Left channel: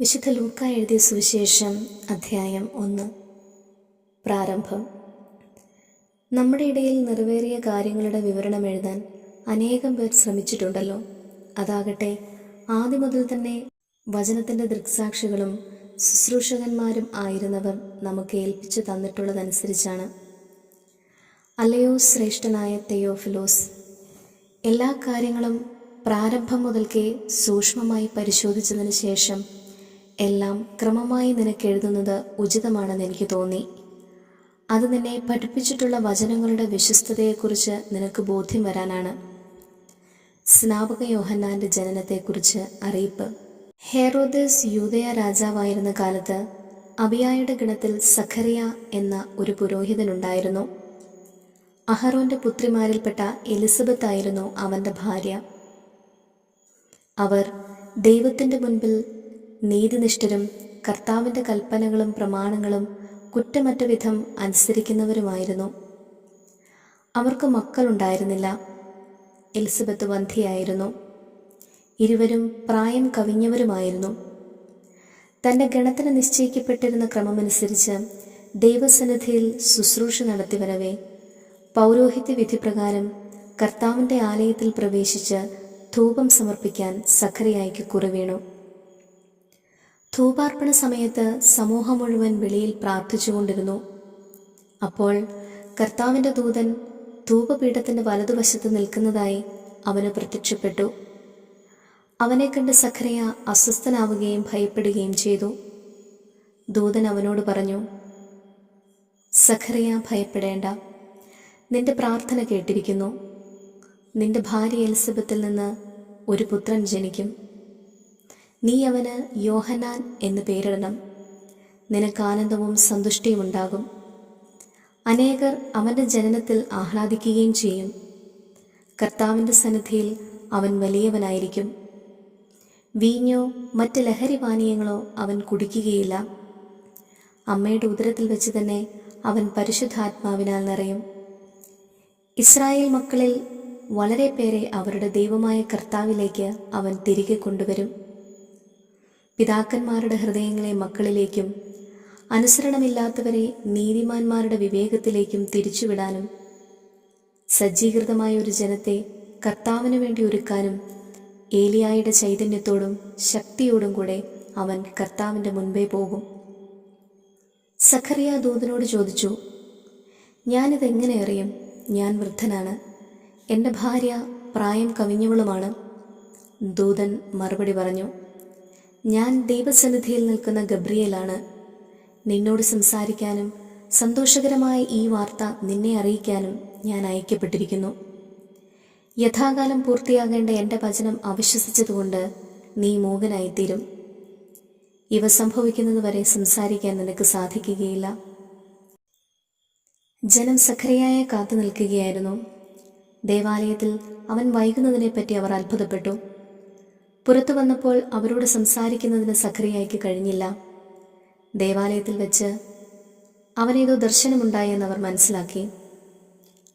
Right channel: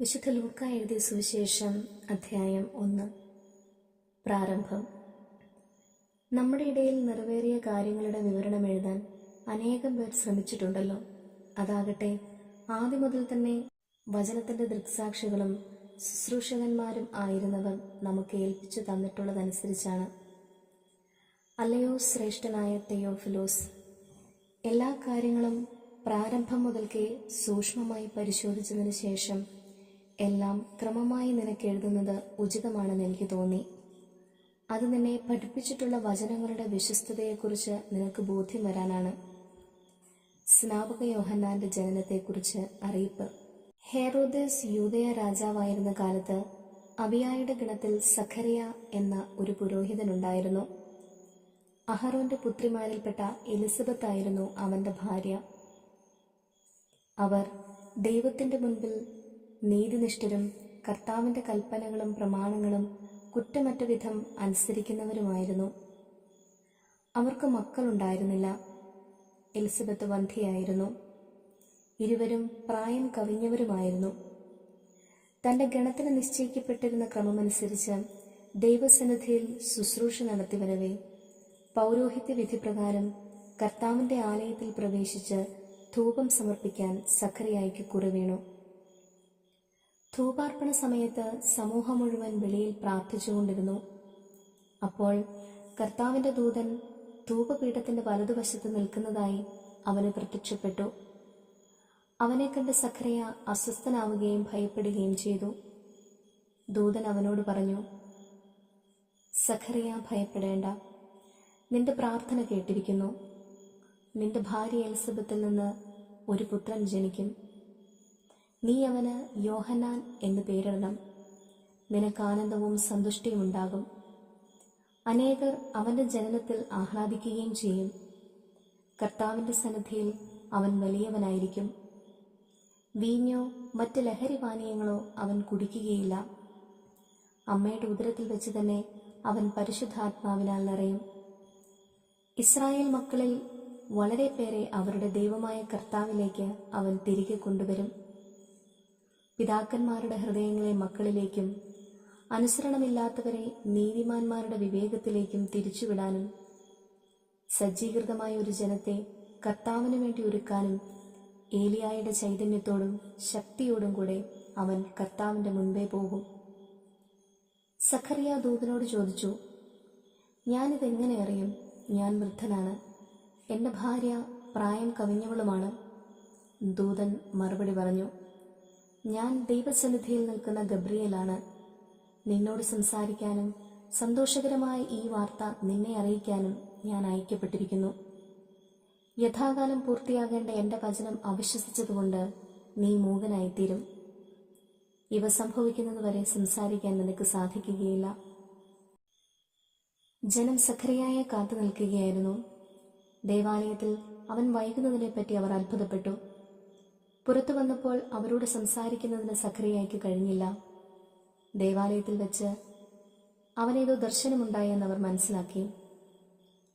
വിശുദ്ധ ലൂക്ക എഴുതിയ സുവിശേഷം അധ്യായം ഒന്ന്. പ്രാരംഭം. നമ്മുടെ ഇടയിൽ നിറവേറിയ കാര്യങ്ങളുടെ വിവരണം എഴുതാൻ അനേകം പേർ ശ്രമിച്ചിട്ടുണ്ടല്ലോ. അതാകട്ടെ ആദ്യം മുതൽ തന്നെ വചനത്തിന്റെ ദൃക്സാക്ഷികളും ശുശ്രൂഷകന്മാരും ആയിരുന്നവർ നമുക്ക് ഏൽപ്പിച്ചു തന്നിട്ടുള്ളതനുസരിച്ചാണ്. അല്ലയോ ശ്രേഷ്ഠനായ തെയോഫിലോസ് എല്ലാ കാര്യങ്ങളും പ്രാരംഭം മുതൽക്കേ സൂക്ഷ്മമായി പരിശോധിച്ചതിന് ശേഷം എല്ലാം ക്രമമായി നിനക്ക് എഴുതുന്നത് ഉചിതമാണെന്ന് എനിക്ക് തോന്നി. അത് നിന്നെ പഠിപ്പിച്ചിട്ടുള്ള വചനങ്ങളുടെ വിശ്വസ്തതയെക്കുറിച്ച് നിനക്ക് ബോധ്യം വരാനാണ്. സ്നാപക യോഹന്നാന്റെ ജനനത്തെക്കുറിച്ച് അറിയിപ്പ്. ഹെറോദസ് യൂതയ രാജാവായിരുന്ന കാലത്ത് അബിയായുടെ ഗണത്തിൽ സഖറിയ എന്ന ഒരു പുരോഹിതനുണ്ടായിരുന്നു. അഹറോന്റെ പുത്രിമാരിൽപ്പെട്ട എലിസബത്ത് ആയിരുന്നു അവന്റെ ഭാര്യ. അവർ ദൈവത്തിന്റെ മുൻപിൽ നീതിനിഷ്ഠരും കർത്താവിന്റെ കൽപ്പനകളും പ്രമാണങ്ങളും കുറ്റമറ്റ വിധം അനുസരിക്കുന്നവരുമായിരുന്നു. അവർക്ക് മക്കളുണ്ടായിരുന്നില്ല. എലിസബത്ത് വന്ധിയായിരുന്നു ഇരുവരും പ്രായം കവിഞ്ഞവരുമായിരുന്നു. തന്റെ ഗണത്തിന് നിശ്ചയിക്കപ്പെട്ടിരുന്ന ക്രമമനുസരിച്ച് ദൈവസന്നിധിയിൽ ശുശ്രൂഷ നടത്തിവരവേ പൗരോഹിത്യ വിധിപ്രകാരം കർത്താവിന്റെ ആലയത്തിൽ പ്രവേശിച്ച് ധൂപം സമർപ്പിക്കാൻ സക്കരയായിക്ക് കുറവീണു. ധൂപാർപ്പണ സമയത്ത് സമൂഹം മുഴുവൻ വെളിയിൽ പ്രാർത്ഥിച്ചുകൊണ്ടിരുന്നു. അപ്പോൾ കർത്താവിന്റെ ദൂതൻ ധൂപപീഠത്തിന്റെ വലതുവശത്ത് നിൽക്കുന്നതായി അവന് പ്രത്യക്ഷപ്പെട്ടു. അവനെ കണ്ട് സഖറിയ അസ്വസ്ഥനാവുകയും ഭയപ്പെടുകയും ചെയ്തു. ദൂതൻ അവനോട് പറഞ്ഞു സഖറിയ ഭയപ്പെടേണ്ട. നിന്റെ പ്രാർത്ഥന കേട്ടിരിക്കുന്നു. നിന്റെ ഭാര്യ എലിസബത്തിൽ നിന്ന് ഒരു പുത്രൻ ജനിക്കും. നീ അവന് യോഹനാൻ എന്ന് പേരിടണം. നിനക്ക് ആനന്ദവും സന്തുഷ്ടിയും ഉണ്ടാകും. അനേകർ അവന്റെ ജനനത്തിൽ ആഹ്ലാദിക്കുകയും ചെയ്യും. കർത്താവിന്റെ സന്നിധിയിൽ അവൻ വലിയവനായിരിക്കും. വീഞ്ഞോ മറ്റ് ലഹരി പാനീയങ്ങളോ അവൻ കുടിക്കുകയില്ല. അമ്മയുടെ ഉദരത്തിൽ വെച്ച് തന്നെ അവൻ പരിശുദ്ധാത്മാവിനാൽ നിറയും. ഇസ്രായേൽ മക്കളിൽ വളരെ പേരെ അവരുടെ ദൈവമായ കർത്താവിലേക്ക് അവൻ തിരികെ കൊണ്ടുവരും. പിതാക്കന്മാരുടെ ഹൃദയങ്ങളെ മക്കളിലേക്കും അനുസരണമില്ലാത്തവരെ നീതിമാന്മാരുടെ വിവേകത്തിലേക്കും തിരിച്ചുവിടാനും സജ്ജീകൃതമായ ഒരു ജനത്തെ കർത്താവിന് വേണ്ടി ഒരുക്കാനും ഏലിയായുടെ ചൈതന്യത്തോടും ശക്തിയോടും കൂടെ അവൻ കർത്താവിന്റെ മുൻപേ പോകും. സഖറിയ ദൂതനോട് ചോദിച്ചു ഞാനിതെങ്ങനെ അറിയും? ഞാൻ വൃദ്ധനാണ്. എന്റെ ഭാര്യ പ്രായം കവിഞ്ഞവളുമാണ്. ദൂതൻ മറുപടി പറഞ്ഞു ഞാൻ ദൈവസന്നിധിയിൽ നിൽക്കുന്ന ഗബ്രിയേലാണ്. നിന്നോട് സംസാരിക്കാനും സന്തോഷകരമായ ഈ വാർത്ത നിന്നെ അറിയിക്കാനും ഞാൻ അയക്കപ്പെട്ടിരിക്കുന്നു. യഥാകാലം പൂർത്തിയാകേണ്ട എന്റെ വചനം അവിശ്വസിച്ചതുകൊണ്ട് നീ മോഹനായിത്തീരും ഇവ സംഭവിക്കുന്നതുവരെ സംസാരിക്കാൻ നിനക്ക് സാധിക്കുകയില്ല. ജനം സഖറിയായ കാത്തു നിൽക്കുകയായിരുന്നു. ദേവാലയത്തിൽ അവൻ വൈകുന്നതിനെപ്പറ്റി അവർ അത്ഭുതപ്പെട്ടു. പുറത്തു വന്നപ്പോൾ അവരോട് സംസാരിക്കുന്നതിന് സഖറിയായിക്ക് കഴിഞ്ഞില്ല. ദേവാലയത്തിൽ വെച്ച് അവനേതോ ദർശനമുണ്ടായെന്ന് അവർ മനസ്സിലാക്കി.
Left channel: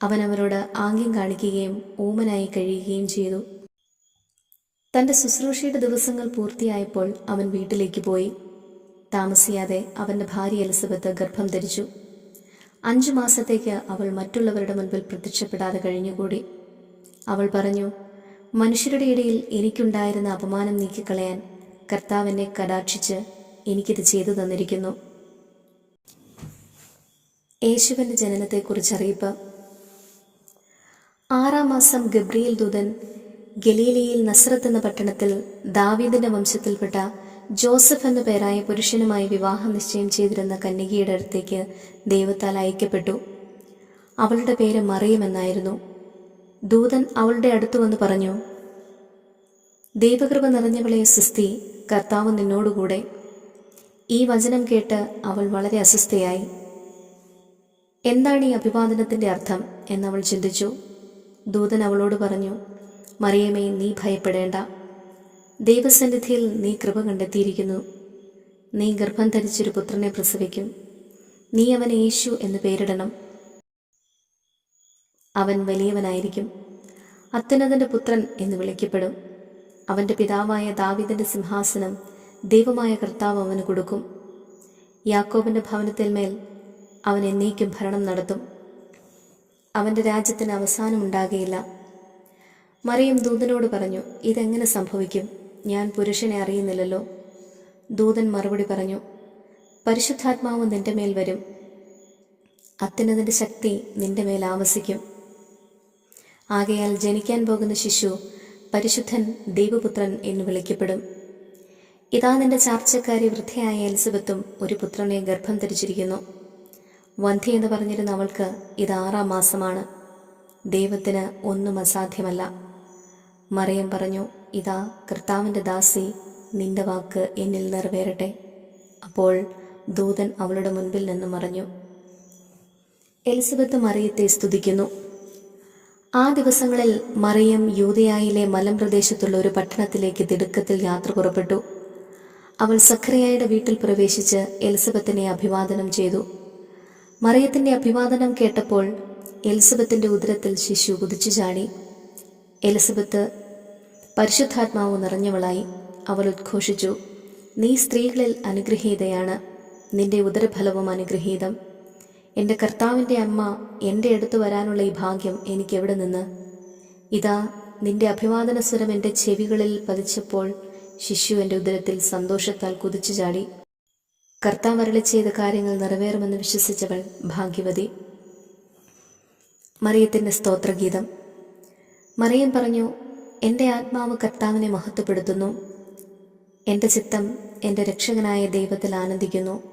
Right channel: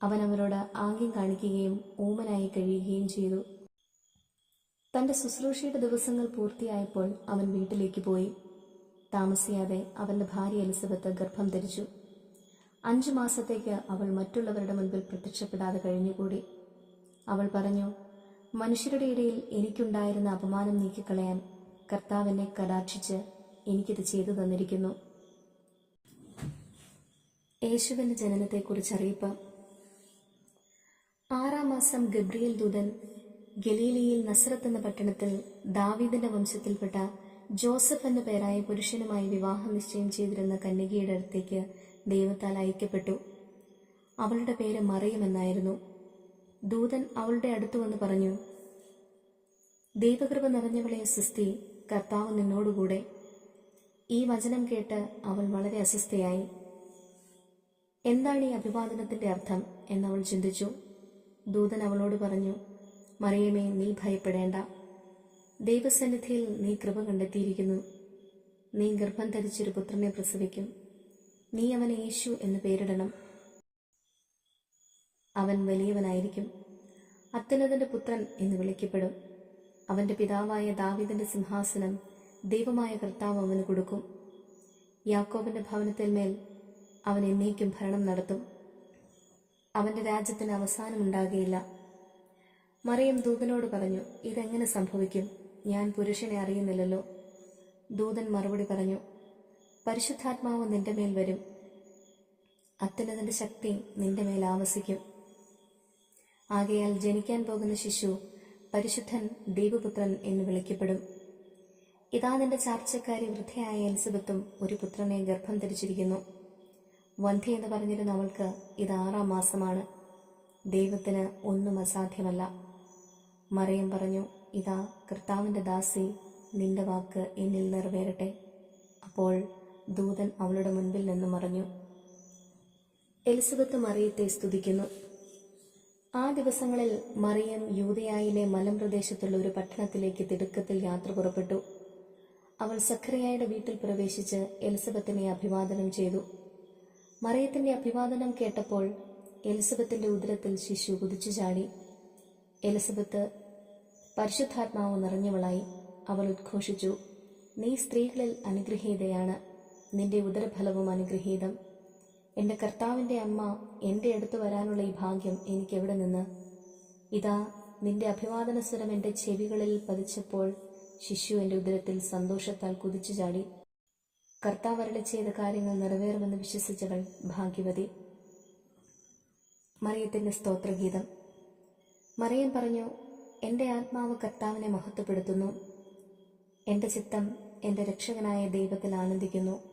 അവൻ അവരോട് ആംഗ്യം കാണിക്കുകയും ഓമനായി കഴിയുകയും ചെയ്തു. തന്റെ ശുശ്രൂഷയുടെ ദിവസങ്ങൾ പൂർത്തിയായപ്പോൾ അവൻ വീട്ടിലേക്ക് പോയി. താമസിയാതെ അവന്റെ ഭാര്യ എലിസബത്ത് ഗർഭം ധരിച്ചു. അഞ്ചു മാസത്തേക്ക് അവൾ മറ്റുള്ളവരുടെ മുൻപിൽ പ്രത്യക്ഷപ്പെടാതെ കഴിഞ്ഞുകൂടി. അവൾ പറഞ്ഞു മനുഷ്യരുടെ ഇടയിൽ എനിക്കുണ്ടായിരുന്ന അപമാനം നീക്കിക്കളയാൻ കർത്താവിനെ കടാക്ഷിച്ച് എനിക്കിത് ചെയ്തു തന്നിരിക്കുന്നു. യേശുവിന്റെ ജനനത്തെക്കുറിച്ച് അറിയിപ്പ് ആറാം മാസം ഗബ്രിയേൽ ദൂതൻ ഗലീലയിൽ നസ്രത്ത് എന്ന പട്ടണത്തിൽ ദാവീദിന്റെ വംശത്തിൽപ്പെട്ട ജോസഫ് എന്ന പേരായ പുരുഷനുമായി വിവാഹം നിശ്ചയം ചെയ്തിരുന്ന കന്യകയുടെ അടുത്തേക്ക് ദൈവത്താൽ അയക്കപ്പെട്ടു. അവളുടെ പേര് മറിയമെന്നായിരുന്നു ദൂതൻ അവളുടെ അടുത്തു വന്ന് പറഞ്ഞു ദൈവകൃപ നിറഞ്ഞവളെ സുസ്തി കർത്താവ് നിന്നോടുകൂടെ. ഈ വചനം കേട്ട് അവൾ വളരെ അസ്വസ്ഥയായി. എന്താണ് ഈ അഭിവാദനത്തിന്റെ അർത്ഥം എന്നവൾ ചിന്തിച്ചു. ദൂതൻ അവളോട് പറഞ്ഞു മറിയമേ നീ ഭയപ്പെടേണ്ട. ദൈവസന്നിധിയിൽ നീ കൃപ കണ്ടെത്തിയിരിക്കുന്നു. നീ ഗർഭം ധരിച്ചൊരു പുത്രനെ പ്രസവിക്കും. നീ അവനെ യേശു എന്ന് പേരിടണം. അവൻ വലിയവനായിരിക്കും. അത്യുന്നതന്റെ പുത്രൻ എന്ന് വിളിക്കപ്പെടും. അവന്റെ പിതാവായ ദാവിദിന്റെ സിംഹാസനം ദൈവമായ കർത്താവ് അവന് കൊടുക്കും. യാക്കോബിന്റെ ഭവനത്തിന്മേൽ അവൻ എന്നേക്കും ഭരണം നടത്തും. അവന്റെ രാജ്യത്തിന് അവസാനമുണ്ടാകുകയില്ല മറിയം ദൂതനോട് പറഞ്ഞു ഇതെങ്ങനെ സംഭവിക്കും? ഞാൻ പുരുഷനെ അറിയുന്നില്ലല്ലോ. ദൂതൻ മറുപടി പറഞ്ഞു പരിശുദ്ധാത്മാവ് നിന്റെ മേൽ വരും. അത്യുന്നതിന്റെ ശക്തി നിന്റെ മേൽ ആവസിക്കും. ആകയാൽ ജനിക്കാൻ പോകുന്ന ശിശു പരിശുദ്ധൻ ദൈവപുത്രൻ എന്ന് വിളിക്കപ്പെടും. ഇതാ നിന്റെ ചാർച്ചക്കാരി വൃദ്ധയായ എലിസബത്തും ഒരു പുത്രനെ ഗർഭം ധരിച്ചിരിക്കുന്നു. വന്ധ്യ എന്ന് പറഞ്ഞിരുന്ന അവൾക്ക് ഇത് ആറാം മാസമാണ്. ദൈവത്തിന് ഒന്നും അസാധ്യമല്ല. മറിയം പറഞ്ഞു ഇതാ കർത്താവിന്റെ ദാസി നിന്റെ വാക്ക് എന്നിൽ നിറവേറട്ടെ. അപ്പോൾ ദൂതൻ അവളുടെ മുൻപിൽ നിന്ന് മറഞ്ഞു. എലിസബത്ത് മറിയത്തെ സ്തുതിക്കുന്നു. ആ ദിവസങ്ങളിൽ മറിയം യൂതയായിലെ മലമ്പ്രദേശത്തുള്ള ഒരു പട്ടണത്തിലേക്ക് തിടുക്കത്തിൽ യാത്ര പുറപ്പെട്ടു. അവൾ സഖറിയായുടെ വീട്ടിൽ പ്രവേശിച്ച് എലിസബത്തിനെ അഭിവാദനം ചെയ്തു. മറിയത്തിന്റെ അഭിവാദനം കേട്ടപ്പോൾ എലിസബത്തിന്റെ ഉദരത്തിൽ ശിശു കുതിച്ചു ചാടി. എലിസബത്ത് പരിശുദ്ധാത്മാവ് നിറഞ്ഞവളായി അവൾ ഉദ്ഘോഷിച്ചു. നീ സ്ത്രീകളിൽ അനുഗ്രഹീതയാണ്. നിന്റെ ഉദരഫലവും അനുഗ്രഹീതം. എന്റെ കർത്താവിന്റെ അമ്മ എന്റെ അടുത്ത് വരാനുള്ള ഈ ഭാഗ്യം എനിക്കെവിടെ നിന്ന്? ഇതാ നിന്റെ അഭിവാദന സ്വരം എന്റെ ചെവികളിൽ പതിച്ചപ്പോൾ ശിശു എന്റെ ഉദരത്തിൽ സന്തോഷത്താൽ കുതിച്ചു ചാടി. കർത്താവ് അരളി ചെയ്ത കാര്യങ്ങൾ നിറവേറുമെന്ന് വിശ്വസിച്ചവൾ ഭാഗ്യവതി. മറിയത്തിന്റെ സ്തോത്രഗീതം. മറിയം പറഞ്ഞു എന്റെ ആത്മാവ് കർത്താവിനെ മഹത്വപ്പെടുത്തുന്നു. എന്റെ ചിത്തം എന്റെ രക്ഷകനായ ദൈവത്തിൽ ആനന്ദിക്കുന്നു.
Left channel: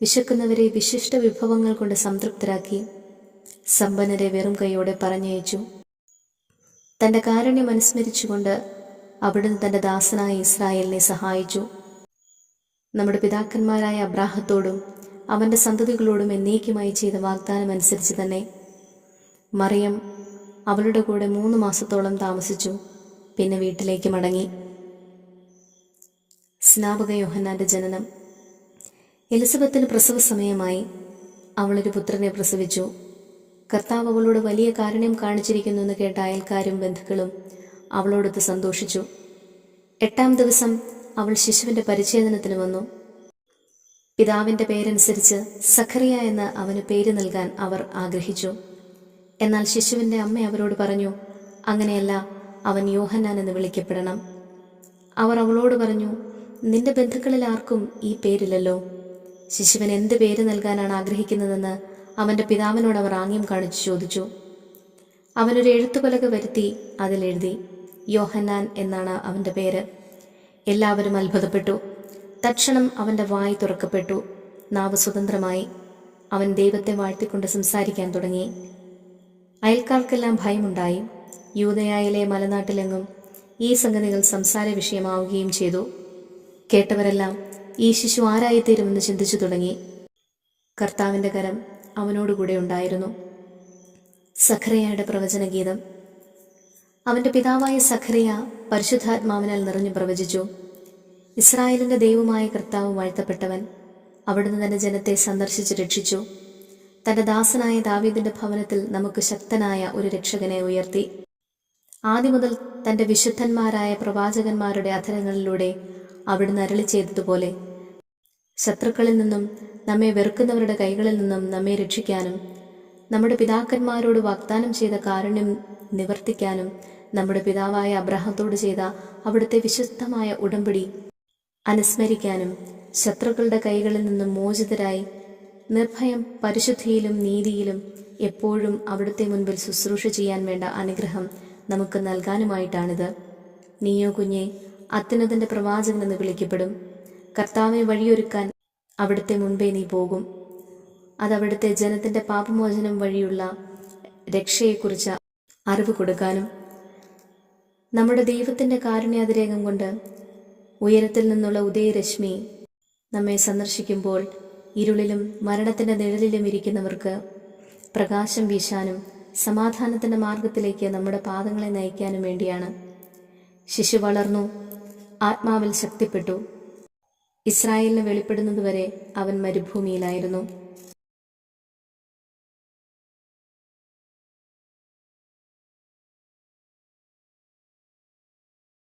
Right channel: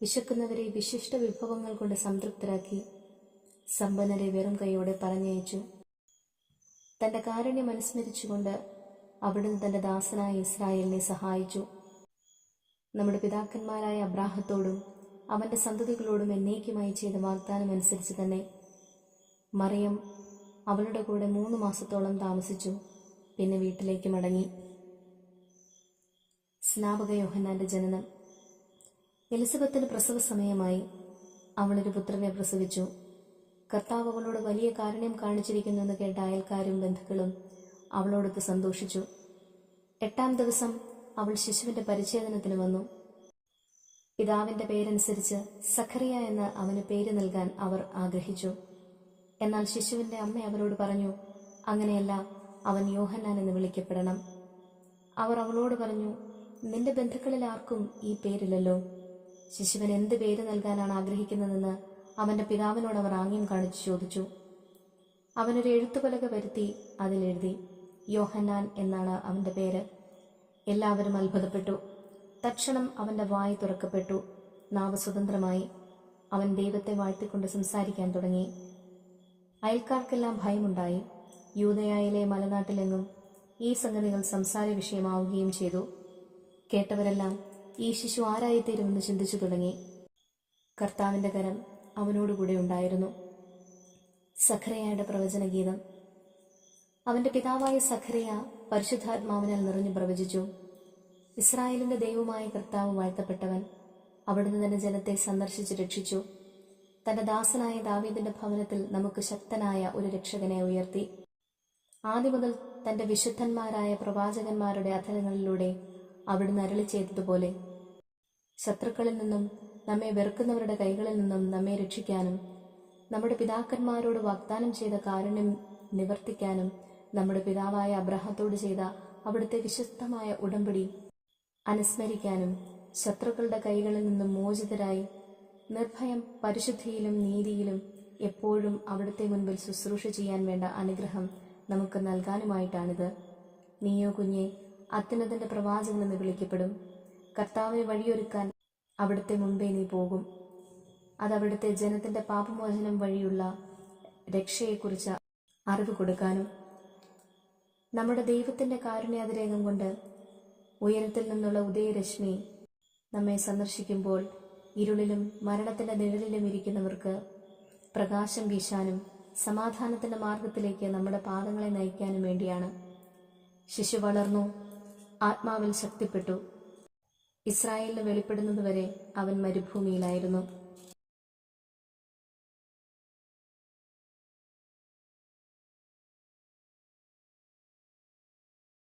വിശക്കുന്നവരെ വിശിഷ്ട വിഭവങ്ങൾ കൊണ്ട് സംതൃപ്തരാക്കി സമ്പന്നരെ വെറും കൈയോടെ പറഞ്ഞയച്ചു. തന്റെ കാരുണ്യം അനുസ്മരിച്ചുകൊണ്ട് അവിടുന്ന് തന്റെ ദാസനായ ഇസ്രായേലിനെ സഹായിച്ചു. നമ്മുടെ പിതാക്കന്മാരായ അബ്രാഹത്തോടും അവന്റെ സന്തതികളോടും എന്നേക്കുമായി ചെയ്ത വാഗ്ദാനം അനുസരിച്ച് തന്നെ മറിയം അവളുടെ കൂടെ മൂന്ന് മാസത്തോളം താമസിച്ചു. പിന്നെ വീട്ടിലേക്ക് മടങ്ങി. സ്നാപക യോഹന്നാന്റെ ജനനം. എലിസബത്തിന് പ്രസവ സമയമായി. അവളൊരു പുത്രനെ പ്രസവിച്ചു. കർത്താവ് അവളോട് വലിയ കാരുണ്യം കാണിച്ചിരിക്കുന്നു എന്ന് കേട്ട അയൽക്കാരും ബന്ധുക്കളും അവളോടൊത്ത് സന്തോഷിച്ചു. എട്ടാം ദിവസം അവൾ ശിശുവിന്റെ പരിച്ഛേദനത്തിന് വന്നു. പിതാവിന്റെ പേരനുസരിച്ച് സഖറിയ എന്ന് അവന് പേര് നൽകാൻ അവർ ആഗ്രഹിച്ചു. എന്നാൽ ശിശുവിന്റെ അമ്മ അവരോട് പറഞ്ഞു അങ്ങനെയല്ല അവൻ യോഹന്നാൻ എന്ന് വിളിക്കപ്പെടണം. അവർ അവളോട് പറഞ്ഞു നിന്റെ ബന്ധുക്കളിൽ ആർക്കും ഈ പേരില്ലല്ലോ. ശിശുവിന് എന്ത് പേര് നൽകാനാണ് ആഗ്രഹിക്കുന്നതെന്ന് അവന്റെ പിതാവിനോട് അവർ ആംഗ്യം കാണിച്ചു ചോദിച്ചു. അവനൊരു എഴുത്തുപലക വരുത്തി അതിലെഴുതി യോഹന്നാൻ എന്നാണ് അവന്റെ പേര്. എല്ലാവരും അത്ഭുതപ്പെട്ടു. തക്ഷണം അവന്റെ വായി തുറക്കപ്പെട്ടു. നാവ് സ്വതന്ത്രമായി. അവൻ ദൈവത്തെ വാഴ്ത്തിക്കൊണ്ട് സംസാരിക്കാൻ തുടങ്ങി. അയൽക്കാർക്കെല്ലാം ഭയമുണ്ടായി. യൂതയായിലെ മലനാട്ടിലെങ്ങും ഈ സംഗതികൾ സംസാര വിഷയമാവുകയും ചെയ്തു. കേട്ടവരെല്ലാം ഈ ശിശു ആരായിത്തീരുമെന്ന് ചിന്തിച്ചു തുടങ്ങി. കർത്താവിന്റെ കരം അവനോടുകൂടെ ഉണ്ടായിരുന്നു. സഖറിയയുടെ പ്രവചനഗീതം. അവന്റെ പിതാവായ സഖറിയ പരിശുദ്ധാത്മാവിനാൽ നിറഞ്ഞു പ്രവചിച്ചു. ഇസ്രായേലിന്റെ ദൈവമായ കർത്താവ് വാഴ്ത്തപ്പെട്ടവൻ അവിടുന്ന് തന്റെ ജനത്തെ സന്ദർശിച്ച് രക്ഷിച്ചു. തന്റെ ദാസനായ ദാവീദിന്റെ ഭവനത്തിൽ നമുക്ക് ശക്തനായ ഒരു രക്ഷകനെ ഉയർത്തി. ആദ്യം മുതൽ തന്റെ വിശുദ്ധന്മാരായ പ്രവാചകന്മാരുടെ അധരങ്ങളിലൂടെ അവിടുന്ന് അരളി ചെയ്തതുപോലെ. ശത്രുക്കളിൽ നിന്നും നമ്മെ വെറുക്കുന്നവരുടെ കൈകളിൽ നിന്നും നമ്മെ രക്ഷിക്കാനും നമ്മുടെ പിതാക്കന്മാരോട് വാഗ്ദാനം ചെയ്ത കാരുണ്യം നിവർത്തിക്കാനും നമ്മുടെ പിതാവായ അബ്രഹത്തോട് ചെയ്ത അവിടുത്തെ വിശുദ്ധമായ ഉടമ്പടി അനുസ്മരിക്കാനും ശത്രുക്കളുടെ കൈകളിൽ നിന്നും മോചിതരായി നിർഭയം പരിശുദ്ധിയിലും നീതിയിലും എപ്പോഴും അവിടുത്തെ മുൻപിൽ ശുശ്രൂഷ ചെയ്യാൻ വേണ്ട അനുഗ്രഹം നമുക്ക് നൽകാനുമായിട്ടാണിത്. നീയോ കുഞ്ഞെ അത്യുന്നതന്റെ പ്രവാചകൻ എന്ന് വിളിക്കപ്പെടും. കർത്താവിനെ വഴിയൊരുക്കാൻ അവിടുത്തെ മുൻപേ നീ പോകും. അത് അവിടുത്തെ ജനത്തിന്റെ പാപമോചനം വഴിയുള്ള രക്ഷയെക്കുറിച്ച് അറിവ് കൊടുക്കാനും നമ്മുടെ ദൈവത്തിന്റെ കാരുണ്യാതിരേകം കൊണ്ട് ഉയരത്തിൽ നിന്നുള്ള ഉദയരശ്മി നമ്മെ സന്ദർശിക്കുമ്പോൾ ഇരുളിലും മരണത്തിന്റെ നിഴലിലും ഇരിക്കുന്നവർക്ക് പ്രകാശം വീശാനും സമാധാനത്തിന്റെ മാർഗത്തിലേക്ക് നമ്മുടെ പാദങ്ങളെ നയിക്കാനും വേണ്ടിയാണ്. ശിശു വളർന്നു ആത്മാവിൽ ശക്തിപ്പെട്ടു. ഇസ്രായേലിന് വെളിപ്പെടുന്നതുവരെ അവൻ മരുഭൂമിയിലായിരുന്നു.